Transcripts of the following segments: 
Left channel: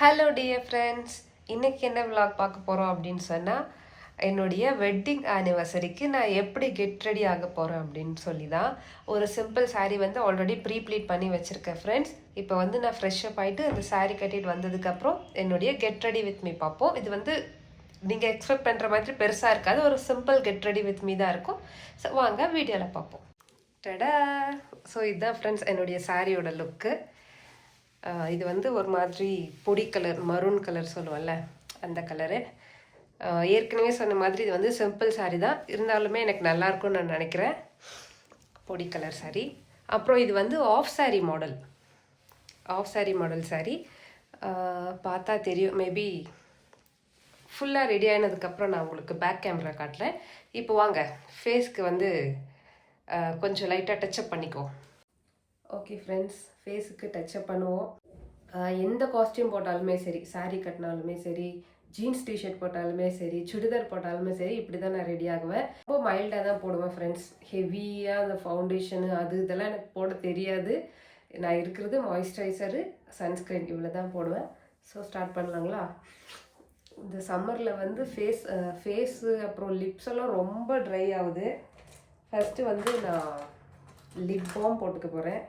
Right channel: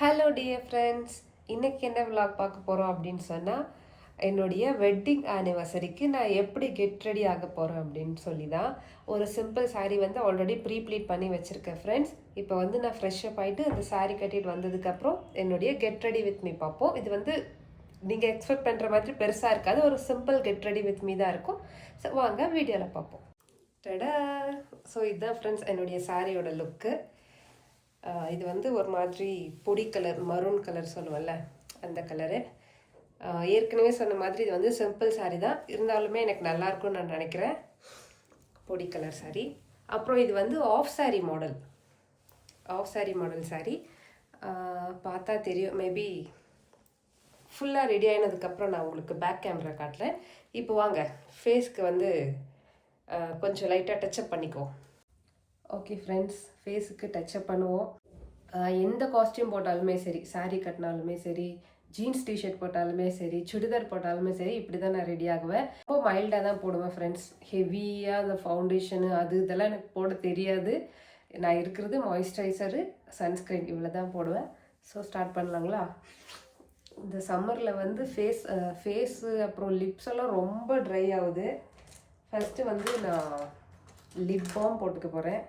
Hello dear friends, இன்றைக்கி என்ன vlog பார்க்க போகிறோம் அப்படின்னு சொன்னால், என்னுடைய வெட்டிங் ஆனிவர்சரிக்கு நான் எப்படி கெட் ரெடி ஆக போகிறேன் அப்படின்னு சொல்லி தான். ஒரு சிம்பிள் saree வந்து ஆல்ரெடி ப்ளீட் பண்ணி வச்சுருக்கேன் ஃப்ரெண்ட்ஸ். இப்போ வந்து நான் ஃப்ரெஷ்ஷப் ஆகிட்டு அந்த saree கட்டிட்டு வந்ததுக்கப்புறம் என்னுடைய கெட் ரெடி வித் மீ பார்ப்போம். இது வந்து நீங்கள் எக்ஸ்பெக்ட் பண்ணுற மாதிரி பெருசாக இருக்காது, ஒரு simple get ready with me தான் இருக்கும். ஸோ வாங்க வீடியோவில் பார்ப்போம். டடா! ஸோ இதுதான் ஃப்ரெண்ட்ஸ் என்னுடைய சாரியோட லுக்கு. இது வந்து ஒரு மாதிரி பொடி கலர், மரூன் கலர் சொல்லுவோம்ல, அந்த கலரு. ஏற்கனவே சொன்ன மாதிரி இது வந்து சிம்பிள் சாரீ தான், இருந்தாலுமே எனக்கு நல்லாயிருக்கும்னு நான் நினைக்கிறேன். பொடி கலர் சாரீ. அப்புறம் இது வந்து ஆஃப் சாரீ மாடல் சாரீ. பார்த்தா தெரியும், மேபி ஃபுல்லாக ரெடி ஆனதுக்கப்புறம் நான் உங்களுக்கு பேக் கேமரா காட்டுறேன். இப்போ வாங்க ஃபேஸ்க்கு வந்து கொஞ்சம் லைட்டாக டச்சப் பண்ணிக்கோ. ஓகே ஃப்ரெண்ட்ஸ், ஃபேஸுக்கு டச்சப் பண்ணுவோம். எந்த காஸ்டியூம் போட்டாலுமே சரி, சாரீ கட்டினாலுமே சரி, ஜீன்ஸ் டிஷர்ட் போட்டாலுமே சரி, சுடிதார் போட்டாலுமே சரி, இப்படி தான் நான் ரெடி ஆகுவேன். ரொம்ப மைல்டாக தான் போடுவேன் ஃப்ரெண்ட்ஸ். ஹெவியாக அந்த ஃபவுண்டேஷனு அது இதெல்லாம் எனக்கு போட தெரியாது. நான் இருக்கிறது மாய்ஸ்சரைசரு, சன்ஸ்க்ரீன், இவ்வளோ தான் போடுவேன். ஸோ ஸ்டார்ட் பண்ணலாங்களா? இந்த சம்மரில் வந்து ஃபேஸு அப்புறம் லிப்ஸ் எல்லாம் ரொம்ப ட்ரை ஆகுது. ஃபஸ்ட்டு வந்து நான் லிப் பாம் போட்டுக்க போகிறேன்.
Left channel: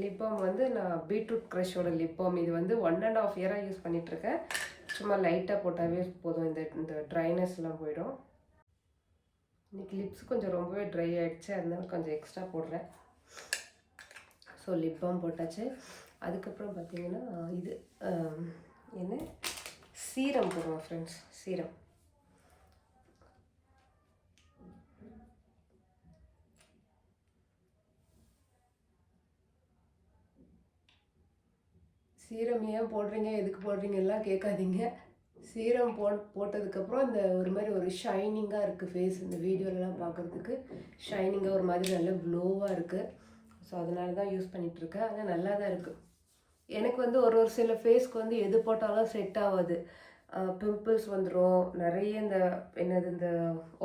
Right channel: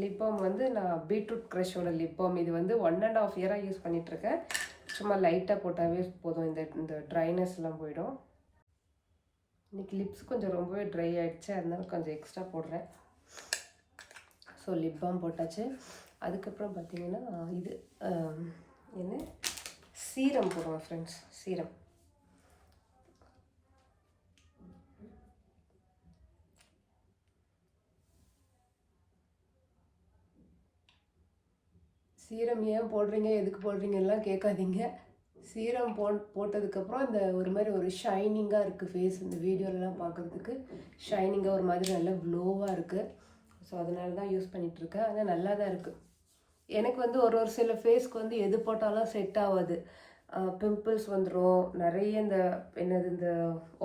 லிப் பாம் வந்து நான் பீட்ரூட் க்ரஷோட லிப் பாம். இது வந்து 1.5 இயராக யூஸ் பண்ணிகிட்ருக்கேன். சும்மா லைட்டாக போட்டாவே போதும், இந்த ட்ரைனஸ்லாம் போயிடும். இன்றைக்கி லிப்ஸ் கொஞ்சம் ரொம்பவே ட்ரை ஆகிடுச்சு, அதனால கொஞ்சம் எக்ஸ்ட்ரா போடுறேன். ஸோ லிப் பாம் போட்டாச்சு. அதுக்கப்புறம் பார்த்திங்கன்னா இது என்ன சீரம் போடுவேன் ஃப்ரெண்ட்ஸ். சீரம் ஏன் போடுறீங்க, எதுக்கு போடுறீங்கலாம் கேட்காதீங்க. சீரம் போட்டதுக்கப்புறம் இந்த ஒரு மாதிரி ஒரு ஷைனிங்காக இருக்குது ஃபேஸ். இந்த வீடியோலலாம் பார்க்குறதுக்கு ஷைனிங்காக ஒரு மாதிரி நல்லா க்ளோவாக இருக்குது. ஸோ அதனால தான் யூஸ் பண்ணிகிட்ருக்கேன். ஆனால் நல்லா தான் இருக்குது. எனக்கு வந்து ஒரு சில ஃபேஸ்க்கு வந்து எது போட்டாலும் செட் ஆகாது. பிம்பிள்ஸ் வந்துடும் நிறைய. இந்த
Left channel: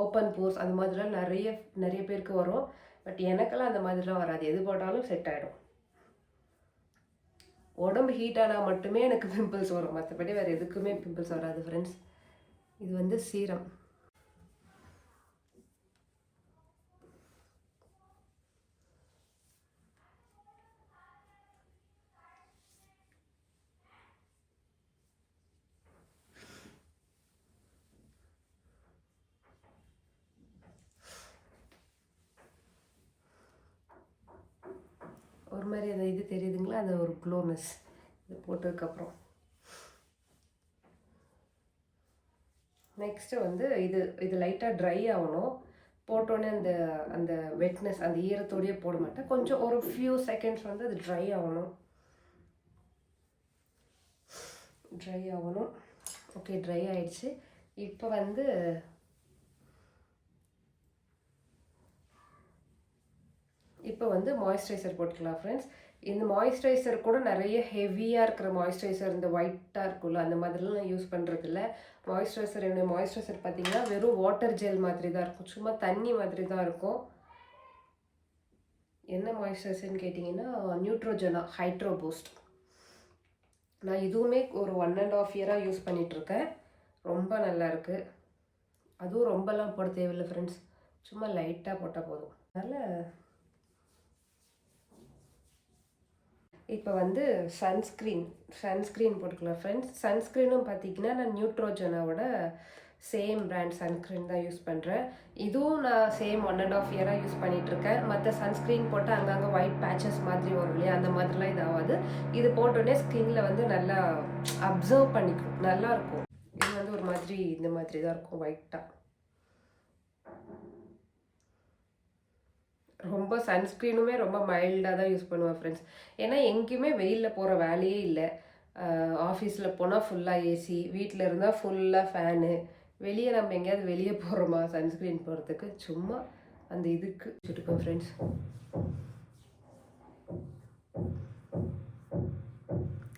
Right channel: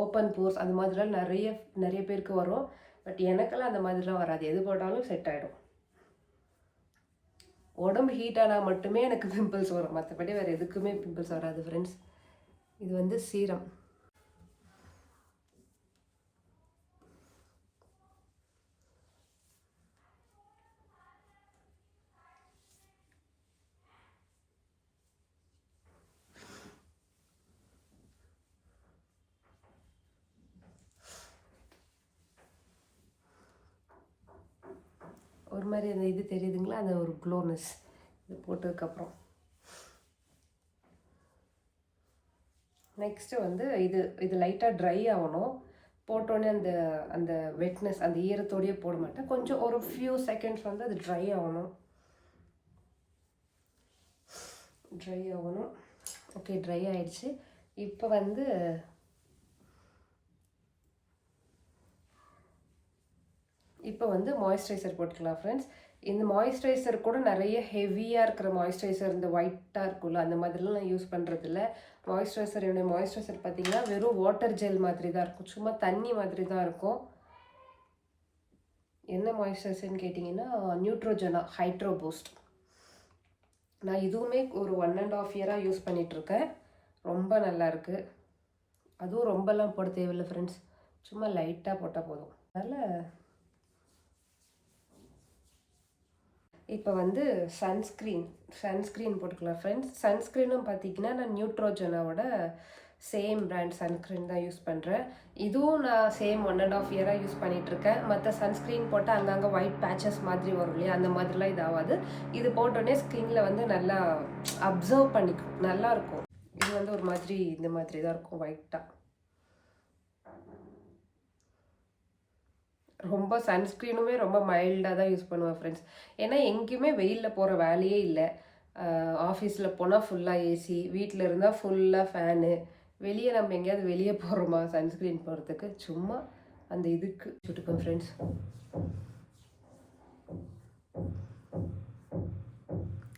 ஓப்பன் போர்ஸ் அது மாதிரிலாம் நிறைய பேருக்கு வரும். பட் எனக்கெல்லாம் அந்த மாதிரிலாம் வராது, எது போட்டாலும் செட் ஆகிடும். உடம்பு ஹீட் ஆனால் மட்டுமே எனக்கு பிம்பிள்ஸ் வரும், மற்றபடி வேறு எதுக்குமே பிம்பிள்ஸ் வராது ஃப்ரெண்ட்ஸ். இது வந்து சீரம். ஒரு மாதிரி அந்த இது தெரியுதுங்களா, அந்த ஒரு க்ளோனஸ் இது போட்டதுக்கப்புறம். நெக்ஸ்ட்டு வந்து இது லைட்டாக ட்ரை ஆகணும். போட்டோன்னே அந்த வெட்னஸ், அந்த ஈரத்தோடையே போட மாட்டேன். கொஞ்சம் ஒரு ஃபியூ செகண்ட்ஸ் வந்து அது ட்ரை ஆகணும். ஓகே, ட்ரை ஆயிடுச்சு. இப்போ வந்து மாய்ஸ்சரைசர் போட்டுக்கலாம் ஃப்ரெண்ட்ஸ். இந்த மாய்ஸ்சரைசர் கூட நிறைய ஹெவியாக இருக்கிற மாய்ஸ்சரைசர், இந்த ஒயிட்டாக இருக்குல்ல, அந்த மாதிரிலாம் நான் யூஸ் பண்ணுறதில்ல. என்னுடைய மாய்ஸ்சரைசர் பார்த்திங்கன்னா வெறும் வாட்டர் ஜெல் மாதிரி தான் இருக்கும், சும்மா தண்ணி மாதிரி தான் இருக்கும். என்ன மாய்ஸ்சரைசர்னு கேட்டிங்கன்னா நியூட்ரோஜனா ஹைட்ரோ பூஸ்ட். நான் இதுவுமே ஒரு 1.5 இயராக யூஸ் பண்ணிகிட்ருக்கேன். ரொம்ப நல்லாயிருக்கு. அதுவும் ரொம்பலாம் போட தேவையில்லை ஃப்ரெண்ட்ஸ், சும்மா லைட்டாக போட்டால் போதும். அதனால் இப்போ வந்து சன்ஸ்க்ரீன் போட்டுக்கலாம் ஃப்ரெண்ட்ஸ். சன்ஸ்க்ரீனும் பார்த்திங்கன்னா நான் நியூட்ரோஜனாவோட சேம் பிராண்ட் சன்ஸ்க்ரீன் தான் யூஸ் பண்ணுறேன். இதுவும் நான் சேம் 1.5 இயராக யூஸ் பண்ணிகிட்ருக்கேன். மற்ற சன்ஸ்க்ரீன் போட்டால் அங்கங்கே ஒயிட் பேச்சஸ் மாதிரி வரும் இல்லையா, அந்த மாதிரிலாம் இது ஆகாது. இது போட்டோடனே ஸ்கின்னில் வந்து நல்லா அப்சர்வ் பண்ணிக்கும், நல்லாயிருக்கும். இது வந்து ஒரு மாதிரி இந்த மாதிரி தான் இருக்கும், ஒயிட்டாக. ரொம்ப சன்ஸ்க்ரீனுமே ரொம்ப மைல்டாக தான் யூஸ் பண்ணுவேன் ஃப்ரெண்ட்ஸ். ஏன்னா எங்கேயுமே வெயிலில் போகிற வேலையே இல்லை. ஆஃபீஸில் போனால் ஃபுல்லாக ஏசி, வீட்டில் இருந்தால் ஃபுல்லாக ஃபேனு. வெளியே நம்ம எங்கேயாவது வெளியே போகிறோமா சன்ஸ்க்ரீன் போகிறதுக்கு, சும்மா அந்த இதுக்கு சுட்டுக்கோம் ஃப்ரெண்ட்ஸ்.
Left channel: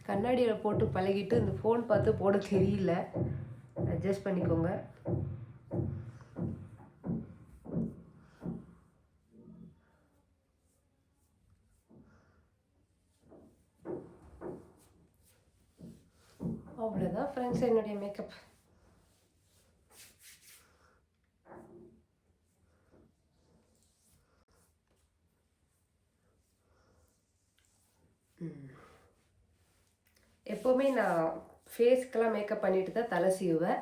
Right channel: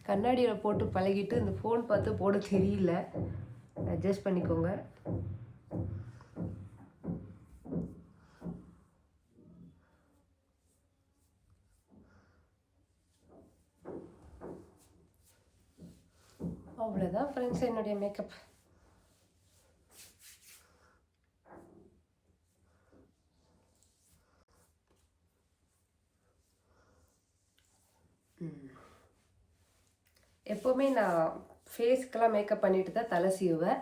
கண்ணாடியில் போட்டு பழகிட்டு இந்த ஃபோன் பார்த்து போட தெரியல, அட்ஜஸ்ட் பண்ணிக்கோங்க. அவ்வளோதான் ஃப்ரெண்ட்ஸ் என்னுடைய மேக்கப். எப்போவுமே நான் ஃபேஸ்க்கெல்லாம் மேக்கப் பண்ணிட்டு தான் தலை சீவுவேன்.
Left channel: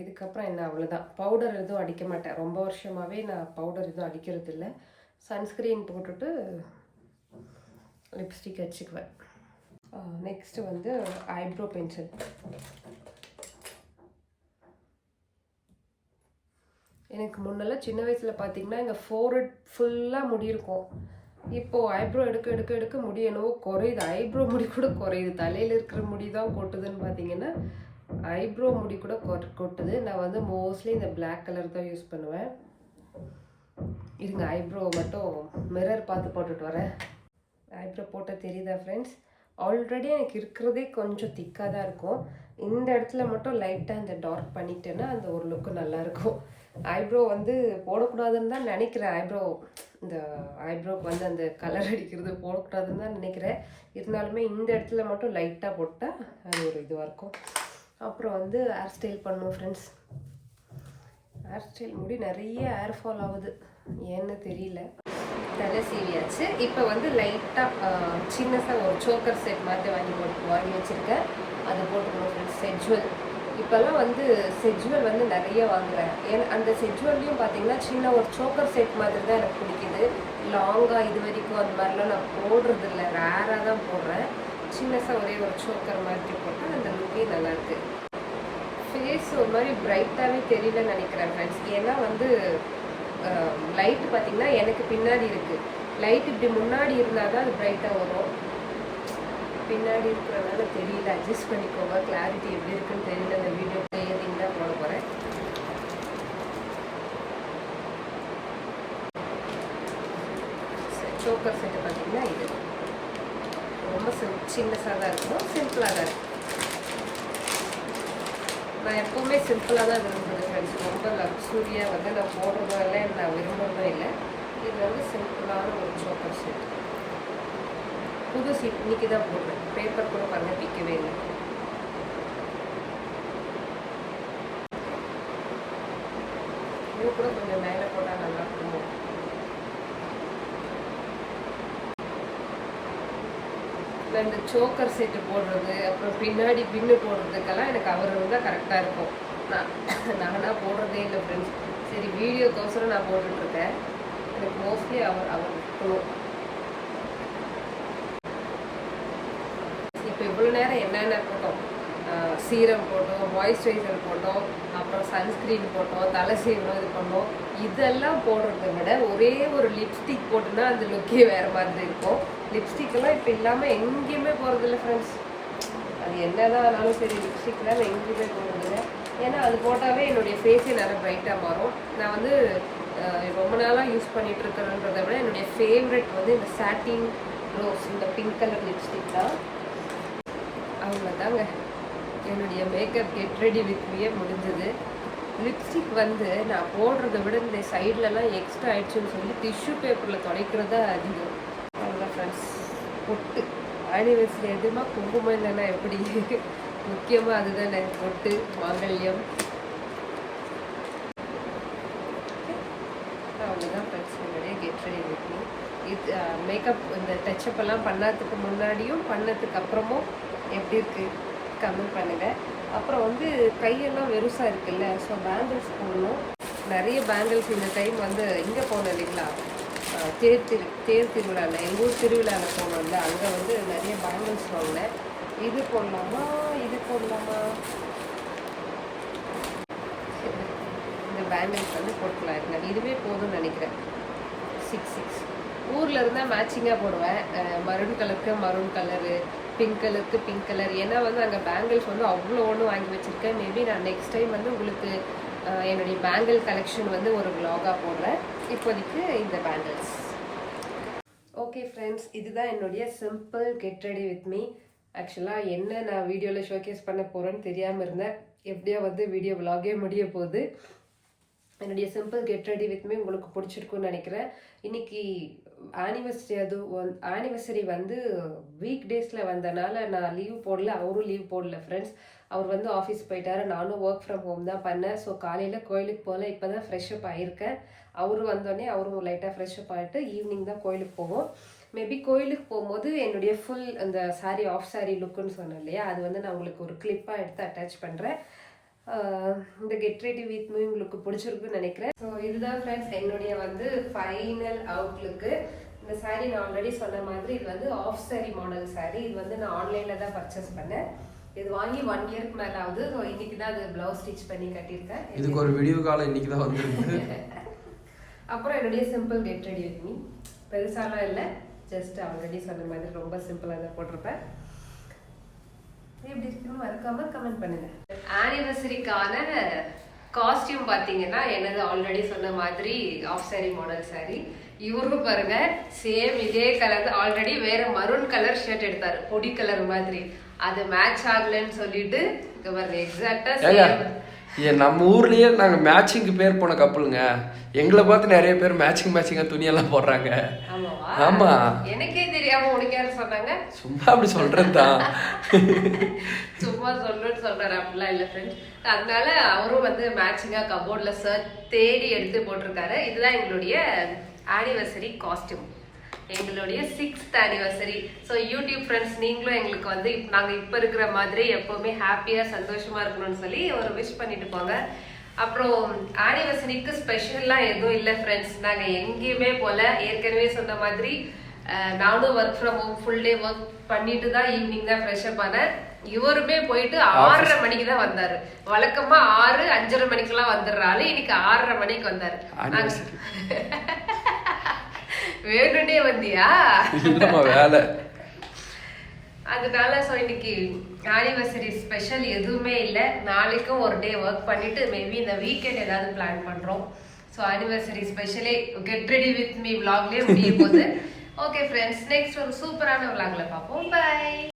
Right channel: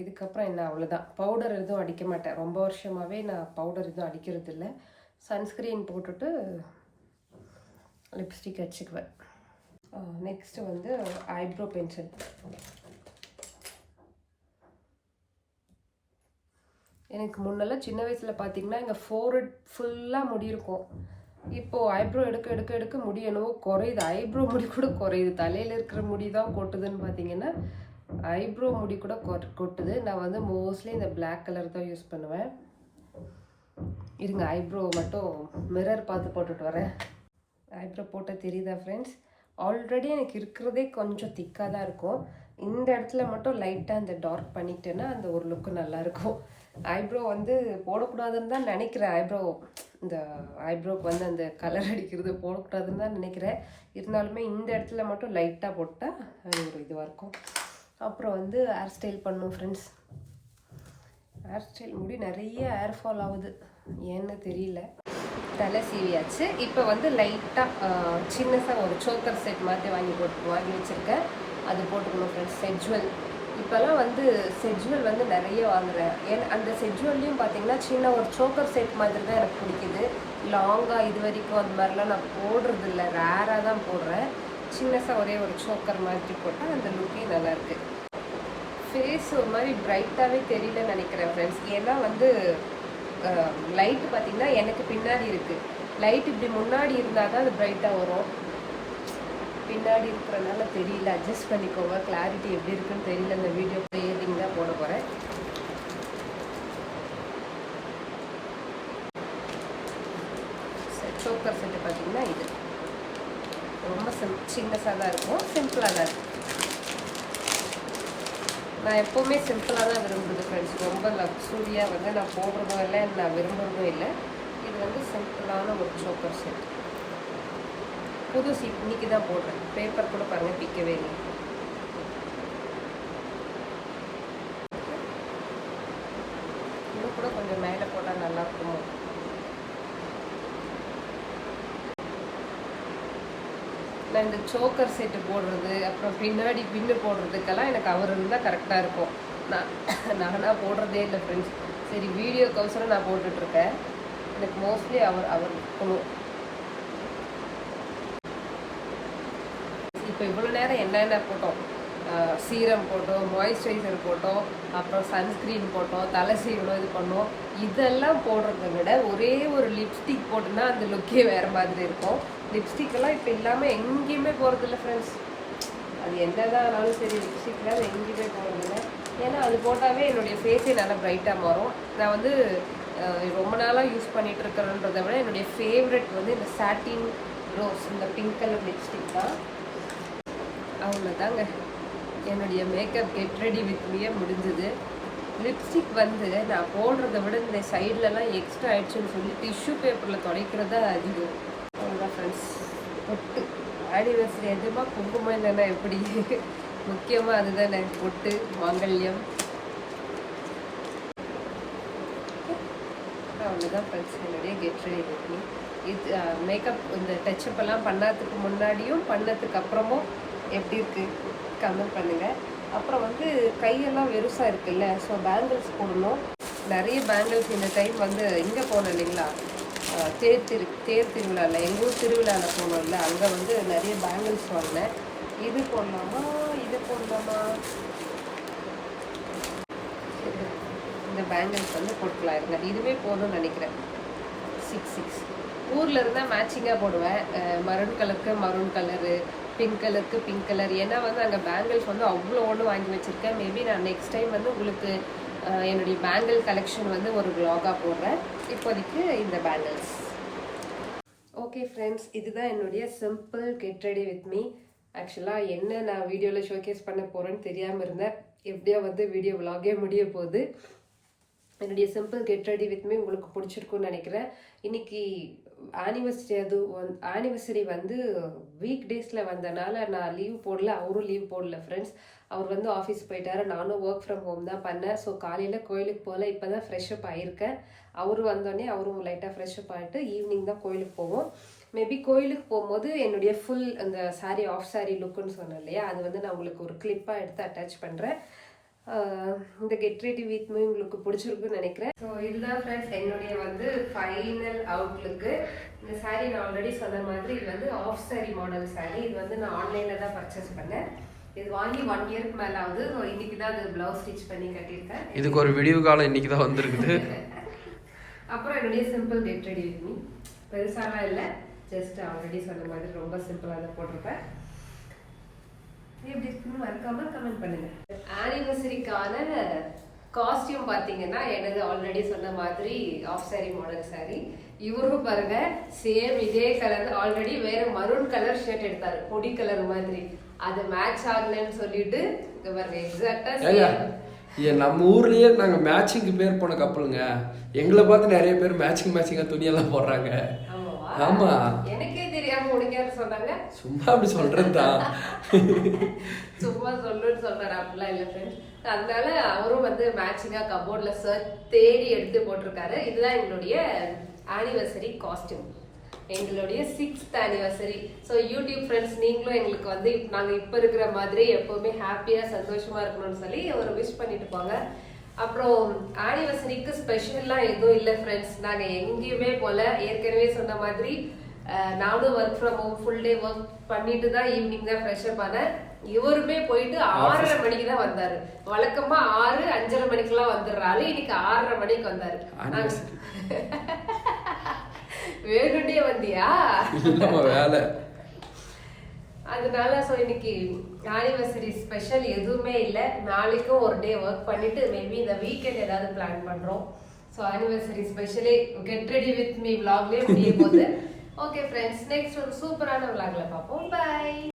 இதுக்கப்புறம் என்ன அவ்வளோதான். பவுடர் எதுவும் அடிக்க மாட்டேன். ரொம்ப வருஷமாகவே நான் பவுடர் எதுவும் அடிக்கிறது இல்லை. சன்ஸ்க்ரீன் போட்டுட்டு லிப்ஸ்டிக் வச்சுக்குவேன். நெக்ஸ்ட்டு வந்து ஐப்ரோ பென்சில். எனக்கு முன்னெல்லாம் சின்ன வயசில் பார்த்தீங்கன்னா எங்கள் ஃபோர்ஹெட் ஃபுல்லாக முடி இருக்கும். இப்போது ஐப்ரோ எடுக்க எடுக்க எடுக்க முடி என்னவோ குறையுது. ஐப்ரோ முடி கூட குறையுது. தலையில் இருக்கிற முடி தான் கொட்டுதுன்னு பார்த்தீங்கன்னா ஐப்ரோ முடி கூட கொட்டுது. நான் வந்து மோஸ்ட்லி இந்த பிளாக் கலர் தான் யூஸ் பண்ணுவேன். இருங்க, ஐப்ரோ மட்டும் மிரர் பார்த்து போட்டுட்டு வரேன். ஐப்ரோ போட்ட தெரியுதா ஃப்ரெண்ட்ஸ்? ஆல்ரெடி எனக்கு இருக்கிறதே கொஞ்சம் திக்காக தான் இருக்கும். இந்த இடத்துல மட்டும் லைட்டாக இந்த டார்க் பண்ணிட்டேன்னா அந்த ஒரு லுக்கு நல்லாயிருக்கும். ஐப்ரோ வந்து போடக்கூடாதுன்னு தான் நினைக்கிறேன். இந்த ஐப்ரோக்கு வந்து அந்த கலர் அடிக்கிறது போடக்கூடாதுன்னு தான் நினைக்கிறேன். இருந்தாலுமே இந்த இடத்துல மட்டும் லைட்டாக போட்டால் அது ஒரு இதுவாக இருக்கும். அப்புறம் வந்து ஹேர் ஸ்டைல் பண்ணும் ஃப்ரெண்ட்ஸ். ஹேர் ஸ்டைல் முடி நிறைய ஹேர் ஃபால் ஆகுது, ஏன்னு தெரியல. தலை சீவியாச்சு. இப்போ வந்து லைட்டாக சின்னதாக ஒரு சோக்கர் செட் மாதிரி வாங்கி வச்சுருக்கேன். அது போட்டுக்கணும் ஃப்ரெண்ட்ஸ். செஜ்வல் இப்போல்லாம் வந்து செஜ்வல் வந்து நிறைய வாங்குறேன். அந்த செஜ்வல்லையும் பார்த்தீங்கன்னா சின்ன ஒரு சோக்கர் செட் மாதிரி தான் எனக்கு பிடிக்குது. லாங்காக இது வரைக்கும் அந்த மாதிரிலாம் நான் போடுறது இல்லை, ரேராக தான் போடுறேன். சின்னதாக ஒரே ஒரு சோக்கர் மாதிரி போட்டால் அந்த லுக்கே நல்லாயிருக்கு. ஃபேஸ் ஒரு மாதிரி பிரைட்டாகவே தெரியலன்னு நினைக்கிறேன் ஃப்ரெண்ட்ஸ். ஏன்னா வந்து லைட்டு பார்த்திங்கன்னா எனக்கு பின்னாடி இருக்குது. லைட் இப்படி முன்னாடி இருந்தால் தான் அது பிரைட்டாக வரும். பின்னாடி இருக்கிறனால தெரியல, அட்ஜஸ்ட் பண்ணிக்கோங்க. கிளாரிட்டி எப்படி இருக்குன்னு தெரியல. இந்த வீடியோ ப்ளேயிங் தான் போட போகிறேன். சோக்கர் செட்டு பார்த்திங்கன்னா இது ரொம்ப சின்னஸாக தான் இருக்கும், சிம்பிளாக தான் இருக்கும். நான் எப்போவுமே சிம்பிளாக தான் விரும்புகிறது ஃப்ரெண்ட்ஸ். ரொம்ப லக்ஸூரியாக வந்து நான் போடுறதும் இல்லை, நான் விரும்புகிறதும் இல்லை. இது வந்து சிம்பிளான ஒரு சோக்கர் செட். புது சீட் இன்னைக்கு தான் போடுறேன். பேப்பர் கூட பாருங்கள் பிக்கவே இல்லை. இன்னும் கூட கொஞ்சம் மேலே போட்டால் நல்லா இருக்குமோ. நான் இந்த சோக்கர் செட்டு போடுறது, அப்புறம் பின்னாடி பின்னு போடுறதுக்கெல்லாம் எனக்கு அவர் இருந்தால் கரெக்டாக இருக்கும். நானாக போடுறதே இல்லை ஃப்ரெண்ட்ஸ். சரி, வீடியோக்கோசரம் நான் போட்டுட்ருக்கேன். எனக்கு மோஸ்ட்லி அவர் இருக்கணும். இப்போ இவ்வளோ நேரம் என்னென்ன போட்டோம், சீரம் போட்டோம், மாய்ஸ்சரைசர் போட்டோம், அப்புறம் சன்ஸ்க்ரீன் போட்டோம், தலை சீவனம் இது பண்ணோம். இதெல்லாம் போடுறத விட ஒரே ஒரு லிப்ஸ்டிக் போட்டுன்னா அந்த லுக்கே வேறு மாதிரி இருக்கும். லிப்ஸ்டிக்கெல்லாம் இப்போ இல்லாமல் எங்கேயுமே போகிறதில்ல ஃப்ரெண்ட்ஸ். அது என்ன தான் ஆனாலும் சரி, லிப்ஸ்டிக் இல்லாமல் எங்கேயுமே போகிறதில்ல. ஏன்னா அது போட்டாவே என்னுடைய ஃபேஸே நல்லா ப்ரைட்டாக மாறும். நான் வந்து ரொம்ப நாளாக யூஸ் பண்ணிகிட்டு இருக்கிறன்றதை விட என்னுடைய ஃபேவரெட் வந்து இந்த சாட்டின் ரோஸ், இந்த பிங்க் கலர் லிப்ஸ்டிக் தான். அவ்வளோதாங்க, என்னுடைய மேக்கப் கெட் ரெடி வித் மீயே முடிஞ்சது. லிப்ஸ்டிக் வந்து நான் போடுறத விட இந்த சைட்லலாம் எக்ஸ்ட்ரா ஆயிடுச்சுன்னு சொல்லி டிஷ்யூ பேப்பரில் துடைக்கிறதா அதிகம். அவ்வளோதான் ஃப்ரெண்ட்ஸ். பொட்டு ஆனிவர்சரி எதுமா குங்குமம் தானே, எப்படி முக்கியமாக அதுதானே பொட்டு, மாங்கல்யம். அவ்வளோதான் ஃப்ரெண்ட்ஸ், என்னுடைய கெட் ரெடி வித் மீ. இது மேக்கப் இந்த டச்சப் எல்லாம் பண்ணதுக்கு முன்னாடியும் பண்ணதுக்கு அப்புறமும் எப்படி இருக்குது கமெண்ட் பண்ணுங்கள். அப்புறம் வந்து கையெல்லாம் வெறுசாக இருக்குல்ல, ஸோ பேங்கிள்ஸ் போடணும். நிறைய பேங்கிள்ஸ் இந்த டைம் வந்து இங்கே போனோம் இல்லைங்களா, தேர் திருவிழாவில், எங்கள் ஊர் திருவிழாவில் போனோம்ல, அங்கே வந்து நிறைய பேங்கிள்ஸ் வாங்கினேன். இது போடலாமா, இது போடலாமா, இந்த பேங்கிள்ஸ் வந்து போட்டுக்கலாம் இருங்க. இதுவே போதும்னு நினைக்கிறேன். 6 ஊரில் இருந்தால் மேட்சிங்காக போடுவேன். மரூன் கலருக்கு மரூன் கலரு, பிங்க் கலருக்கு பிங்க் கலர். ஏன்னா வந்து அங்கே பேங்கிள்ஸ் வந்து அவ்வளோ ஒன்று வாங்கி வச்சுருக்கேன். மேபி நான் நெக்ஸ்ட் டைம் வந்து உங்களுக்கு என்னுடைய பேங்கிள் கலெக்ஷன் வந்து ஒரு vlog-ஆ போடுறேன். இப்போதைக்கு இந்த பேங்கிள்ஸ். ஓகே ஃப்ரெண்ட்ஸ், இதுதான் என்னுடைய simple get ready with me. ஆக்சுவலாக என்ன நான் வீடியோவில் ஷோகேஸ் பண்ண போகிறேன்னு தெரியாமல் இருந்தேன். எப்படியோ வந்து வீடியோ vlog-ஏ முடிய போகுது. என்னுடைய simple get ready with me உங்களுக்கு பிடிச்சிருக்குன்னு நினைக்கிறேன். இன்றைக்கி ஆனிவர்சரி வந்து வீக் டேஸில் வந்தனால நான் லீவ் போடல, அவரும் லீவ் போடல ஃப்ரெண்ட்ஸ். அவர் வந்து ஆஃபீஸ் போயிட்டாரு, நானும் ஒர்க் ஃப்ரம் ஹோம் தான் பண்ணேன். ஸோ காலையில் கோயிலுக்கு போகல, இப்போ தான் ஃப்ரெஷ்அப் ஆகியிருக்கேன். அவரும் வந்தோடனே அவரும் லைட்டாக ஃப்ரெஷ்அப் ஆகிட்டு ஈவினிங் தான் கோயிலுக்கு போவோம். மேபி கோயிலுக்கு போகும்போது என்னுடைய ஃபுல் அந்த சாரீ ஆஃப் சாரீ லுக்குன்னு சொன்னேன் இல்லையா, அது வந்து நான் உங்களுக்கு ஒரு கிளிப்பாக எடுத்து அட்டாச் பண்ணுறேன். இந்த கெட் ரெடி வித் மீ உங்களுக்கு பிடிச்சிருக்குன்னு நினைக்கிறேன். ஸோ இதுதான் ஃப்ரெண்ட்ஸ் என்னுடைய வந்து ஃபைனல் அவுட்லுக்கு. இந்த சாரீ நான் ஆல்ரெடி சொன்ன மாதிரி இது வந்து ஆஃப் சாரீ மாடல் சாரீ. இது வந்து நான் ஆன்லைனில் தான் பர்ச்சேஸ் பண்ணேன். இது வாங்கி 1 இயருக்கு மேலே ஆகுது. ஸோ இன்னைக்கு தான் அது ப்ளவுஸ் ஸ்டிச் பண்ணி கட்டியிருக்கேன். இதுக்கு ஒரு விடிவு காலம் இன்னைக்கு தான் வந்திருக்குது. அப்புறம் என்னுடைய simple get ready with me, பெருசாலாம் இல்லை, ஜஸ்ட் ஆல்ரெடி சொன்ன மாதிரி ரொம்ப சிம்பிளாக அதை போட்டிருப்பேன். எப்படி இருக்குன்னு மறக்காம கமெண்ட் பண்ணுங்க. ஆனிவர்சரிக்கான காஸ்டியூம் பார்த்தீங்கன்னா என்னது ஆல்ரெடி சொன்ன மாதிரி ஆஃப் சாரி மாடல் சாரி. இவரும் பாருங்க சேம் இதே கலர், ஆல்ரெடி வேற மரூன் கலர் ஷர்ட் எடுத்தாரு பொடி கலர் மாதிரி, அது மேட்ச் ஆகலன்னு சொல்லிட்டு பாருங்க எக்ஸாக்டா நம்ம ஊர்லயே நாங்க மேட்சிங்க்கு பேர் போன கப்பலுங்க. எங்களை பார்த்து நிறைய பேர் மேட்சிங்கா துணியெல்லாம் போடுறாங்க. ஆமா, எனக்கே தெரியாம உனக்கு யாரு சொன்னாங்க? சும்மா அப்படி சொல்றதுதான். சும்மா சொல்லுன்னு சொல்றாரு, அப்படிலாம் இல்லை ஃப்ரெண்ட்ஸ். அதனால அவரும் வந்து மேட்சிங்கா கபோர்ட்ல ஷர்ட் தேடி எடுத்து போட்டிருக்காரு. இதுதான் எங்களுடைய ஆனிவர்சரி காஸ்டியூம், எங்களுடைய 6th anniversary. So YouTube friends நீங்களும் எங்களுக்கு வந்து நாங்கள் இப்போ இருக்கிற மாதிரி எப்போவுமே ஹாப்பியாக சந்தோஷமாக இருக்கணும்னு சொல்லி ஒரு விஷ் பண்ணிட்டு போங்க. அப்புறம் ஆனிவர்சரிக்கு ஸ்பெஷல்லாம் எதுவும் இல்லை ஃப்ரெண்ட்ஸ். நாங்கள் எங்கேயுமே போல, ஏற்கனவே சொன்ன மாதிரி நானும் work from home full day work பண்ணிட்டு தான் ஈவினிங் தான் ஃப்ரெஷ்அப் ஆனேன். இவருமே போயிட்டு 6:30 மணிக்கு தான் வந்தாரு. வழக்கமா 6, 5:30 மணிக்கெல்லாம் வந்துடுறாரு, இன்னைக்கு 6:30 மணிக்கு வந்தாரு. வேணுண்டே வந்தியா? வேலை அதனால ஸோ இன்னைக்கு ஆனிவர்சரி ஸ்பெஷல் எதுவுமே இல்லை. நாளைக்கும் ஒரு டே ஒர்க் பண்ணிட்டு மேபி இந்த வீக்கெண்ட் ஏதாவது பிளான் பண்றோம். ஸோ ஆனிவர்சரி ஸ்பெஷலே கெட் ரெடி வித் மீ விளாக்லேயே முடியும் போது. ஓகே ஃப்ரெண்ட்ஸ், நெக்ஸ்ட் ஒரு சூப்பரான விளாக்ல பார்ப்போம். பை.